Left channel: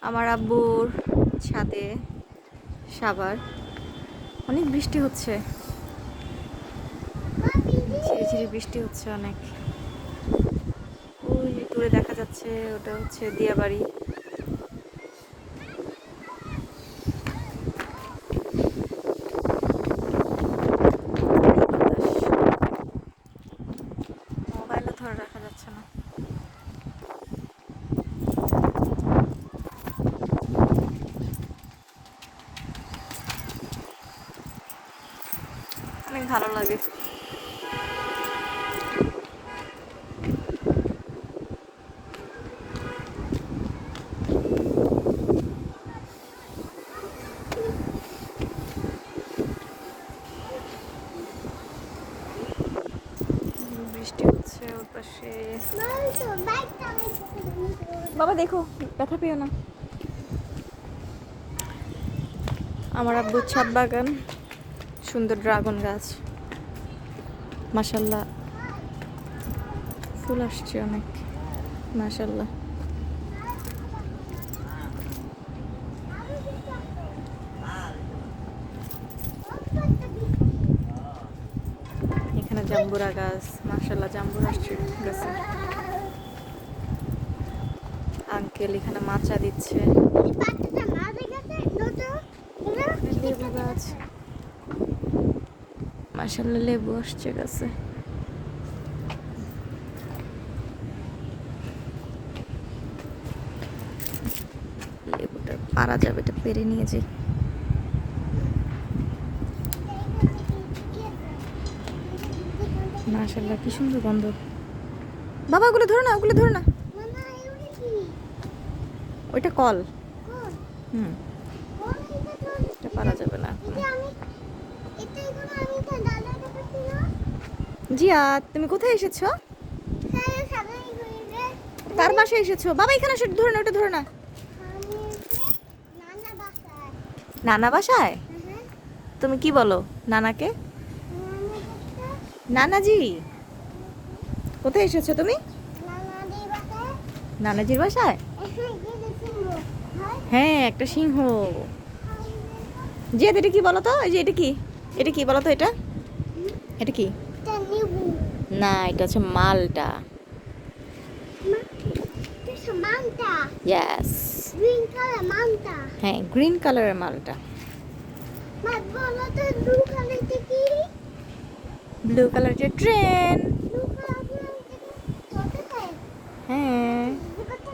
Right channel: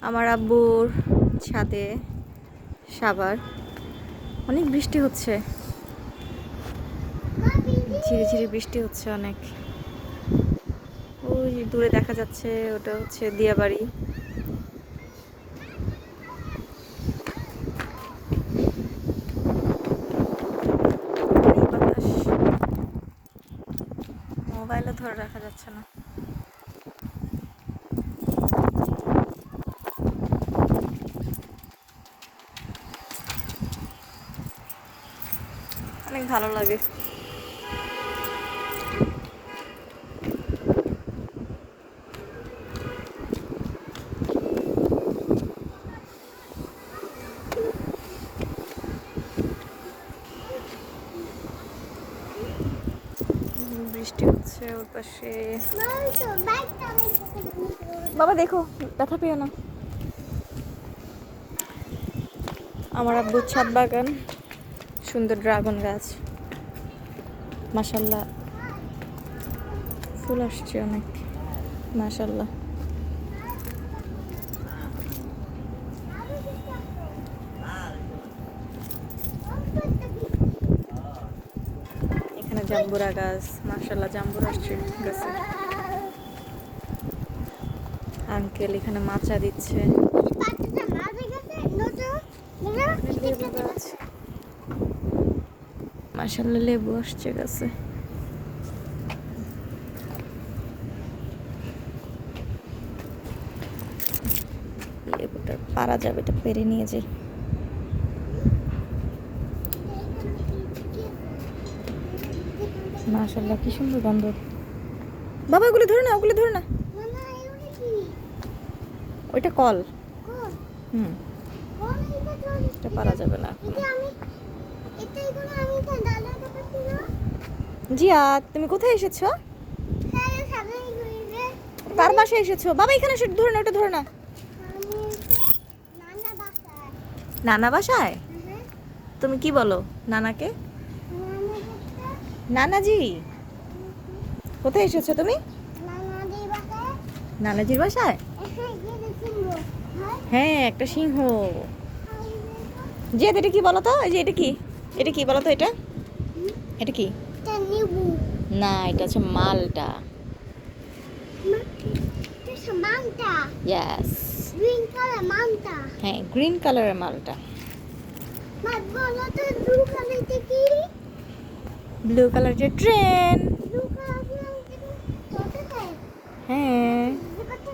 আমার আব্বুর ছাদে সাবার। অনেক বৃষ্টি হচ্ছে। ঝিরি ঝিরি বৃষ্টি হচ্ছে অনেক। ওই দূরে দেখা যাচ্ছে, ওটা হচ্ছে দিয়াবাড়ি। মোবাইলও ধরে রাখা যাচ্ছে না। অনেক ভালো লাগে। বৃষ্টি হচ্ছে বাবা দেখো ব্যথা পেও না। আমার আব্বুর ছাদ বাগান। সুন্দর ড্রাগন গাছ। মাসাল্লাহ ফুল আসছে অনেক। মাসাল্লাহ এখানে জাম্বুরা গাছ মাসাল্লাহ জাম্বুরা আসছে গাছে। আঙ্কেল এখানে মাচা দিচ্ছে। লেবু গাছ। মাসাল্লাহ লেবু আসছে গাছে। লেবুটা পারা যাবে এটা পেরে নিয়ে যাই। মাশাল্লাহ কি সুন্দর গন্ধ। বাবা ওগুলো ধরো না ওগুলো ধরো না। ওইটা কল। হুম। এটা পারা যাবে না এখন। জিয়া, তুমি কোথায় এসেছ? কার বাসায় এসেছ। বাবা, এখানে এসে ধরো না ওটা ধরো না নানা বাসায়? তুমি কি বলো, নানাকে? নানাজি, কোথায় এসেছ তুমি? নানাজির বাসায়? হ্যাঁ একটা সিংহ। জি এটা কি বলো তো? যে, এটা কি? এটা কি বলো তো এটা? এটা কি? না এটা হচ্ছে মালটা। ইয়াস হ্যাঁ গ্রিন কালারের মালটা। বলো কালারের ট্রেন? হ্যাঁ।